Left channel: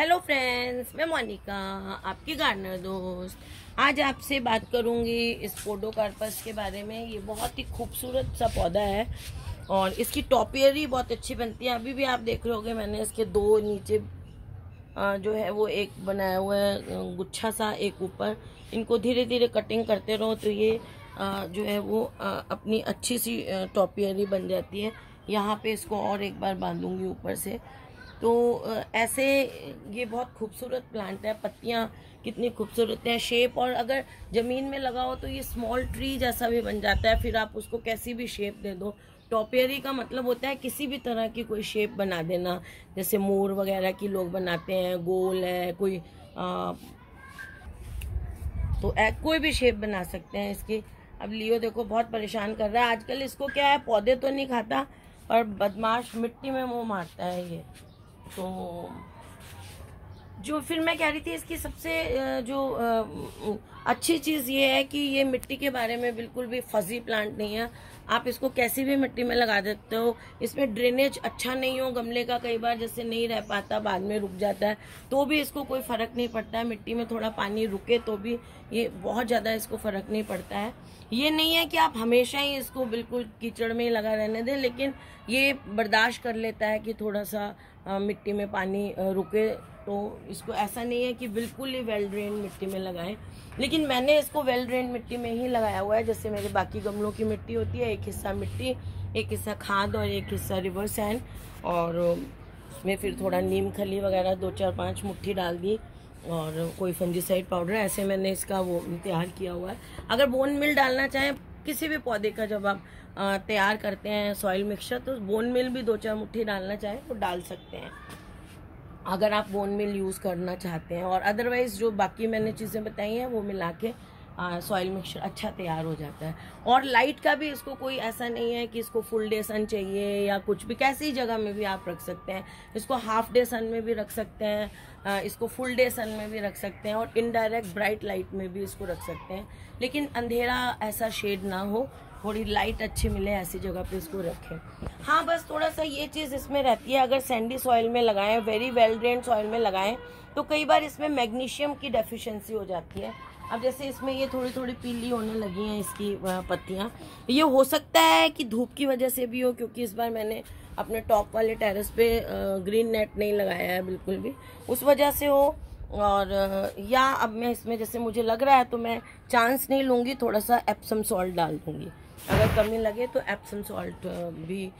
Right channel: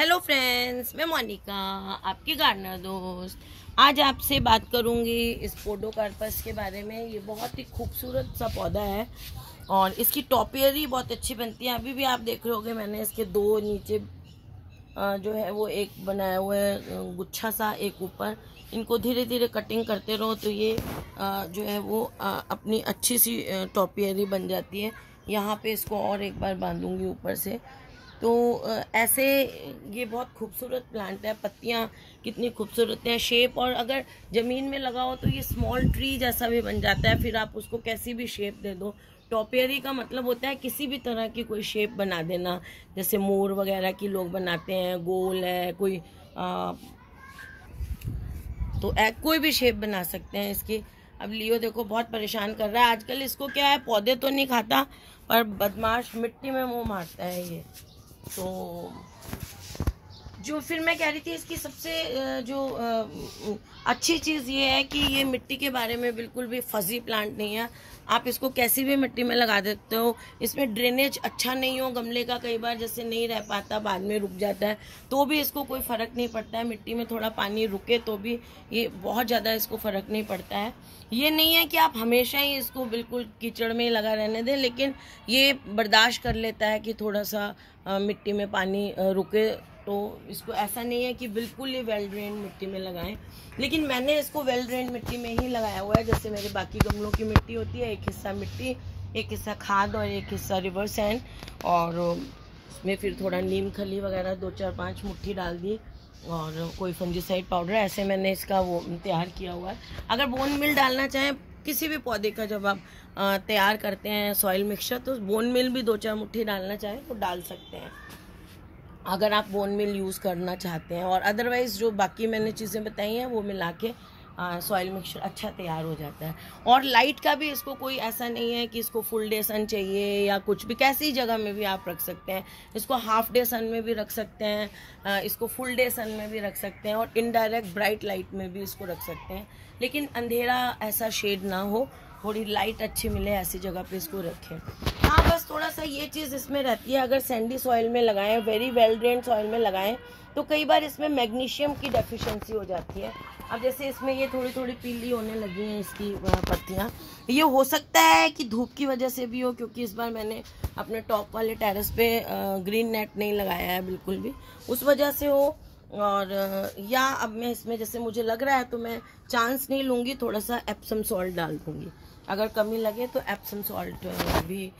Hello friends, मैं मोनिका, आपकी gardener दोस्त। आज आपसे बात करूंगी इस पोडोकार्पस के बारे में। ये बहुत ही खूबसूरत सा पौधा है और इसकी टॉपियरी बहुत अच्छी बनती है। अभी भी आप देख रहे होगे, मैंने इसके दो नीचे जो है वो एक बनाया हुआ है गुच्छा सा, एक ऊपर। इनको धीरे धीरे कटिंग करते रहो तो ये जो है वो अपनी अच्छी सी टॉपियरी बन जाती है। यहाँ पे इसको और एक बार बांधूंगी ऊपर से। तो ऐसे ये बहुत खूबसूरत प्लांट है। पत्तियां कितनी खूबसूरत हैं, शेप, और अगर ज़मीन में लगाओ तो ये स्मॉल ट्री जैसा भी बन जाता है। फिर आप उसको कैसी भी शेप दे दो। टॉपियरी का मतलब होता है किसी भी तरह की कोई शेप बना देना, जैसे मोर वगैरह की लोग बनाते हैं, गोल है कोई तो कोई भी शेप बना सकते हैं इसकी। अब लियो देखो बहुत परेशान कर रहा है आजकल। इसको क्या है, पौधे तो नहीं खाता पर बदमाश मिट्टी में मुंह मारता है ये। तो जो फिर मैं कह रही थी, इसकी सबसे जो अच्छी चीज़ ये है कि ये मिट्टी के बारे में बिल्कुल भी फजी प्लांट नहीं है। आप इसको कैसी भी मिट्टी में लगा देते हो। इसमें ड्रेनेज अच्छा नहीं हो गमले का, कई बार जैसे नहीं रह पाता, बाद में रुक जाता है, तो भी इसको कोई फ़र्क नहीं पड़ता है। मिट्टी में थोड़ा पानी रुके तो भी ये बहुत ज़्यादा इसको फ़र्क नहीं पड़ता है। ये नहीं है कि आप हमेशा ही इसको बिल्कुल कीचड़ में ही लगा रहने दें, लेकिन ये बर्दाश्त कर लेता है कि थोड़ा सा मिट्टी में पानी रुके। तो इसको ऐसा नहीं है कि बिल्कुल ही वेल ड्रेन मिट्टी में लगाएं, लेकिन मैंने इसको वेल ड्रेन मिट्टी में ही लगाया हुआ है। जैसे मेरे बाकी गमलों की मिट्टी होती है, एक हिस्सा मिट्टी, एक हिस्सा खाद और एक हिस्सा रिवर सैंड, और उसमें फिर थोड़ा नीम खली वगैरह 2-4-5 मुट्ठी डाल दी और कोई फंजीसाइड पाउडर। ऐसे मैंने इसका वो तैयार किया हुआ है। अगर बोन मिल डालना चाहें किसी भी पौधे का, जब आप तैयार करते हैं सॉइल मिक्सचर, तो बोन मिल भी 2-4 मुट्ठी डालना चाहें तो डाल सकते हैं, अगर आप बोन मिल यूज़ करना चाहते हैं। और अदरवाइज जो बाकी मैंने चीज़ें बताई हैं वो मिला के सॉइल मिक्सचर अच्छा तैयार हो जाता है। और लाइट का भी इसको कोई ऐसा नहीं है कि इसको फुल डे सन चाहिए या कुछ भी, कैसी जगह में भी आप रख सकते हैं। इसको हाफ डे सन में भी रख सकते हैं, इसको फुल डे सन में भी रख सकते हैं, और इनडायरेक्ट ब्राइट लाइट में भी इसको रख सकते हैं। लेकिन अंधेरा ऐसा शेड ना हो, थोड़ी लाइट अच्छी मिले, ऐसी जगह पे इसको रखें। हाँ, बस थोड़ा सा ये चीज़ इसमें रहती है, अगर सैंडी सॉइल में लगाएं, वेरी वेल ड्रेन्ड सॉइल में लगाएं, तो कई बार इसमें मैग्नीशियम की डेफिशिएंसी हो जाती है। अब जैसे इसमें ये थोड़ी थोड़ी पीली होने लगी हैं इसकी पत्तियां। ये हो सकता है कि धूप की वजह से भी हो, क्योंकि इस बार मैंने अपने टॉप वाले टेरेस पे ग्रीन नेट नहीं लगाया है बिल्कुल भी, उस वजह से हो। और या अब मैं इसमें जैसे मुझे लग रहा है तो मैं चांस नहीं लूँगी, थोड़ा सा एप्सम सॉल्ट डाल दूँगी। अगर कमी लगे तो एप्सम सॉल्ट भी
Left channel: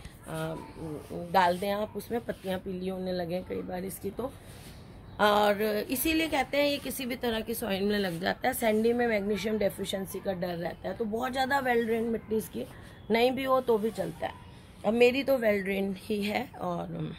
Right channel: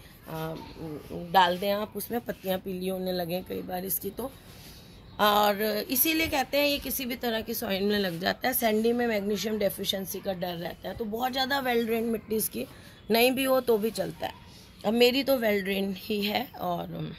डाल दें आप उसमें, पत्तियां पीली होने लगे कई बार इसकी तो। और इसीलिए कहते हैं ये किसी भी तरह की सॉइल में लग जाता है। सैंडी में मैग्नीशियम डेफिशिएंसी का डर रहता है, तो बहुत ज़्यादा वेल ड्रेन मिट्टी इसकी नहीं भी हो तो भी चलता है। अब मेरी तो वेल ड्रेन ही है। और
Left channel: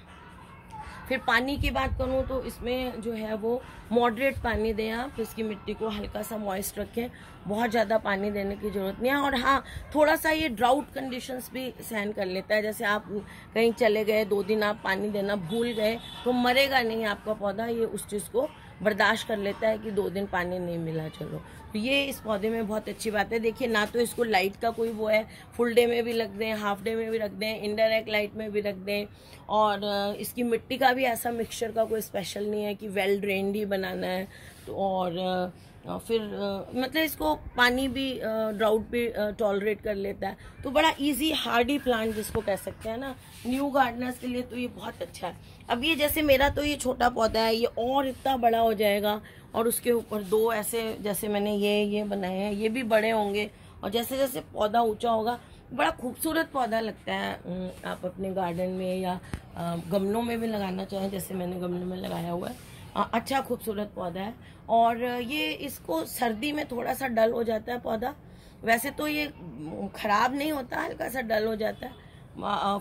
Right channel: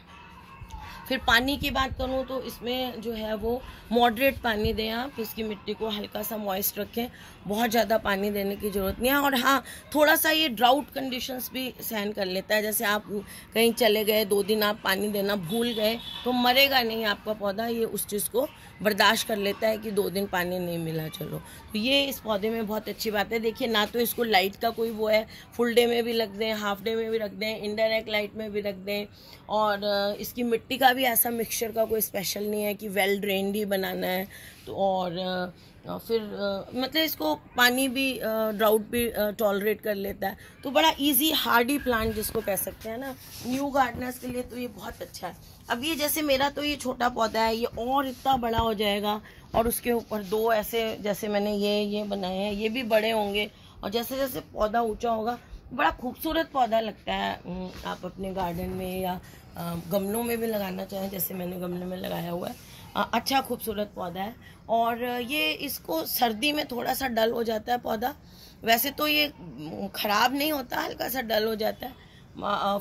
फिर पानी की बात करूँ तो इसमें जो है वो मॉडरेट पानी दें आप, इसकी मिट्टी को हल्का सा मॉइस्ट रखें, बहुत ज़्यादा पानी देने की ज़रूरत नहीं है। और हाँ, थोड़ा सा ये ड्राउट कंडीशंस भी सहन कर लेता है। जैसे आप कहीं चले गए, 2 दिन आप पानी देना भूल गए तो मरेगा नहीं आपका पौधा, ये उस चीज़ को बर्दाश्त कर लेता है कि 2 दिन पानी नहीं मिला, चलो। तो ये इस पौधे में बहुत अच्छी बात है। देखिए, ना तो इसको लाइट का कोई वो है, फुल डे में भी रख दें, हाफ डे में भी रख दें, इनडायरेक्ट लाइट में भी रख दें। और इसकी मिट्टी का भी ऐसा मिक्सचर का कोई स्पेशल नहीं है कि वेल ड्रेन्ड ही बनाना है। तो और फिर मतलब इसको पानी भी ड्राउट भी टॉलरेट कर लेता है। तो बड़ा इजी हार्डी प्लांट जिसको कह सकते हैं ना, न्यू गार्डनर्स के लिए तो ये बहुत अच्छा है। अब ये जैसे मेरा तो ये छोटा पौधा है, ये और इतना बड़ा हो जाएगा, और उसके ऊपर 2 ऐसे जैसे मैंने ये बनाए हैं, ये भी बड़े होंगे। और जैसे जैसे पौधा ऊंचा होगा, बड़ा खूबसूरत पौधा लगता है। आप अपने गार्डन में या गमलों में भी लगाना चाहें, जैसे मैंने गमले में लगाया हुआ है, अच्छा खूबसूरत पौधा है। और ये इसको सर्दी में थोड़ा सा डल हो जाता है पौधा, वैसे तो ये खराब नहीं होता, हल्का सा डल हो जाता है।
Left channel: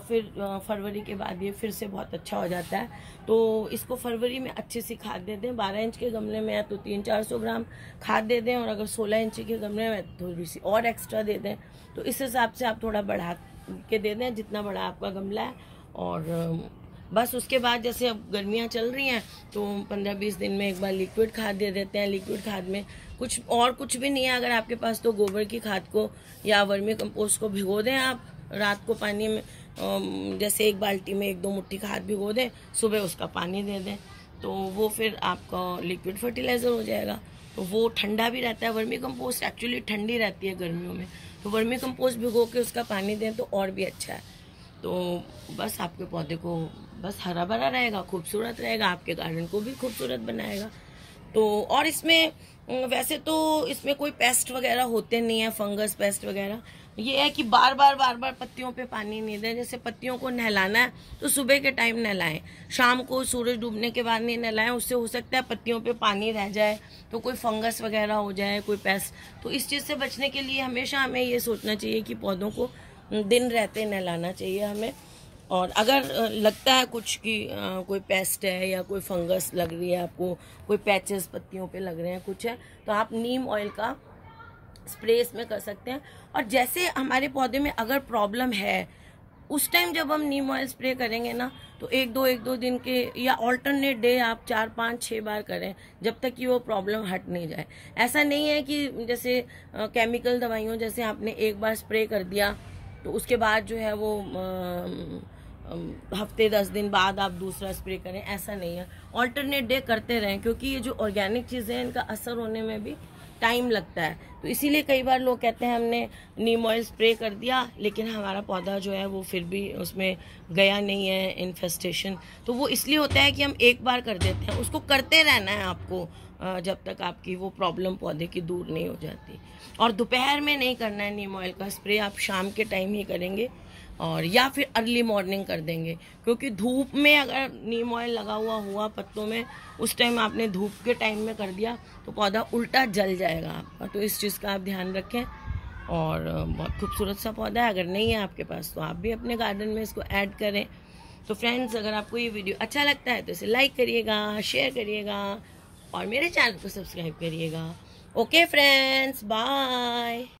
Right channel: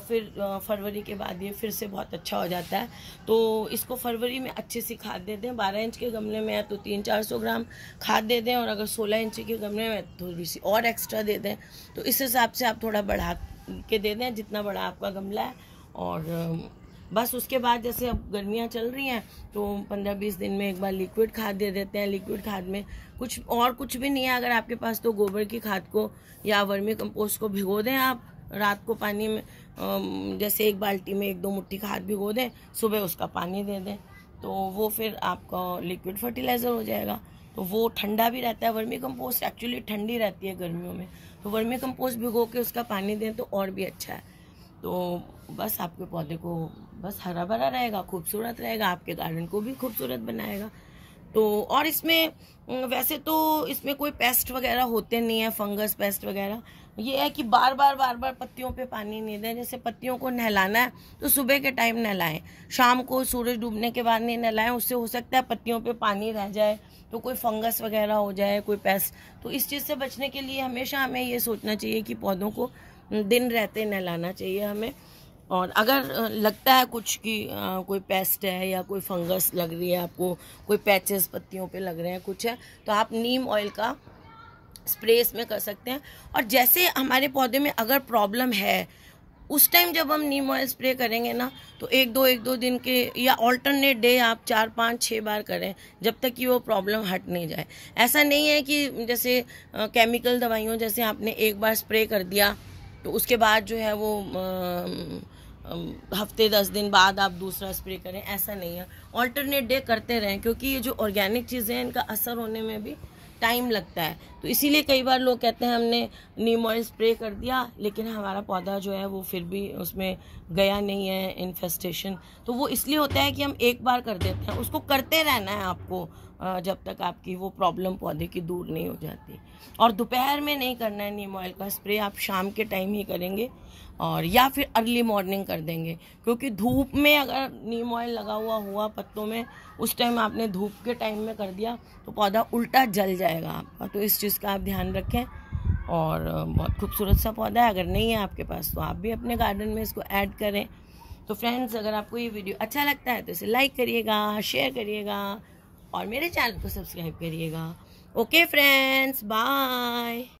फिर फरवरी के बाद ये फिर से बहुत अच्छा हो जाता है। तो इसको फरवरी में अच्छे से खाद दे दें। 12 इंच के गमले में है तो 300-400 ग्राम खाद दे दें, और अगर 16 इंच के गमले में थोड़ी सी और एक्स्ट्रा दे दें। तो इस हिसाब से आप थोड़ा बढ़ा के दे दें जितना बड़ा आपका गमला है। और बस उसके बाद जैसे अब गर्मियाँ चल रही हैं तो 15-20 दिन में एक बार लिक्विड खाद दे देते हैं। लिक्विड खाद में कुछ भी नहीं है, अगर आपके पास तो गोबर की खाद को या वर्मी कंपोस्ट को भिगो दें आप रात को पानी में, जैसे 1 बाल्टी में 1-2 मुट्ठी खाद भिगो दें, सुबह उसका पानी दे दें। तो वो फिर आपका लिक्विड फर्टिलाइज़र हो जाएगा। तो वो ठंडा भी रहता है। वर्मी कंपोस्ट एक्चुअली ठंडी रहती है गर्मियों में, तो वर्मी कंपोस्ट भिगो के उसका पानी दें तो और भी अच्छा है। तो बस आपके पौधे को बस हरा भरा रहेगा, खूबसूरत रहेगा, आपके गार्डन को भी खूबसूरत बनाएगा। तो और इसमें वैसे तो इसमें कोई पेस्ट वगैरह होते नहीं है, फंगस पेस्ट वगैरह। ये है कि बार बार पत्तियों पे पानी नहीं दें। जैसे पत्तियों को नहलाना है तो सुबह के टाइम नहलाएं, शाम को सूरज डूबने के बाद नहीं नहलाएं। उससे हो सकता है पत्तियों पे पानी रह जाए तो कोई फंगस वगैरह हो जाए, कोई पेस्ट। तो इस चीज़ से बचने के लिए हमेशा हमें ये सोचना चाहिए कि पौधों को दिन रहते नहलाना चाहिए हमें। और अगर लगता है कुछ कि कोई पेस्ट है या कोई फंगस लग रही है आपको, कोई पैचेस पत्तियों पे लग रहे हैं, कुछ है, तो आप नीम ऑयल का स्प्रे इसमें कर सकते हैं। और जैसे हमारे पौधे में अगर प्रॉब्लम है उस टाइम जब हम नीम ऑयल स्प्रे करेंगे ना, तो एक दो दिन के या ऑल्टरनेट डे आप 4, 5, 6 बार करें, जब तक कि वो प्रॉब्लम हट नहीं जाए। ऐसा नहीं है कि जैसे केमिकल दवाइयों जैसे आपने एक बार स्प्रे कर दिया तो उसके बाद जो है वो हफ्ते 10 दिन बाद आप दूसरा स्प्रे करें, ऐसा नहीं है। ऑल्टरनेट डे करते रहें, क्योंकि ये जो ऑर्गेनिक चीज़ें हैं इनका असर होने में भी टाइम लगता है। तो इसीलिए कई बार लोग कहते हैं हमने नीम ऑयल स्प्रे कर दिया लेकिन हमारा पौधा जो है वो फिर भी उसमें गया नहीं है, इन्फेस्टेशन। तो वो इसलिए होता है कि हम एक बार कर देते हैं, उसको करते रहना है आपको जब तक आपकी वो प्रॉब्लम पौधे की दूर नहीं हो जाती। और दोपहर में नहीं करना है नीम ऑयल का स्प्रे, आप शाम के टाइम ही करेंगे और या फिर अर्ली मॉर्निंग कर देंगे। क्योंकि धूप में अगर नीम ऑयल लगा हुआ पत्तों में, उस टाइम आपने धूप के टाइम में कर दिया तो पौधा उल्टा जल जाएगा आपका। तो इस चीज़ का आप ध्यान रखें। और बहुत खूबसूरत सा पौधा है, अगर नहीं है आपके पास तो आप भी अपने गार्डन में इसको ऐड करें। तो फ्रेंड्स, अगर आपको ये वीडियो अच्छा लगता है तो इसे लाइक करिएगा, शेयर करिएगा और मेरे चैनल को सब्सक्राइब करिएगा। Okay friends, bye.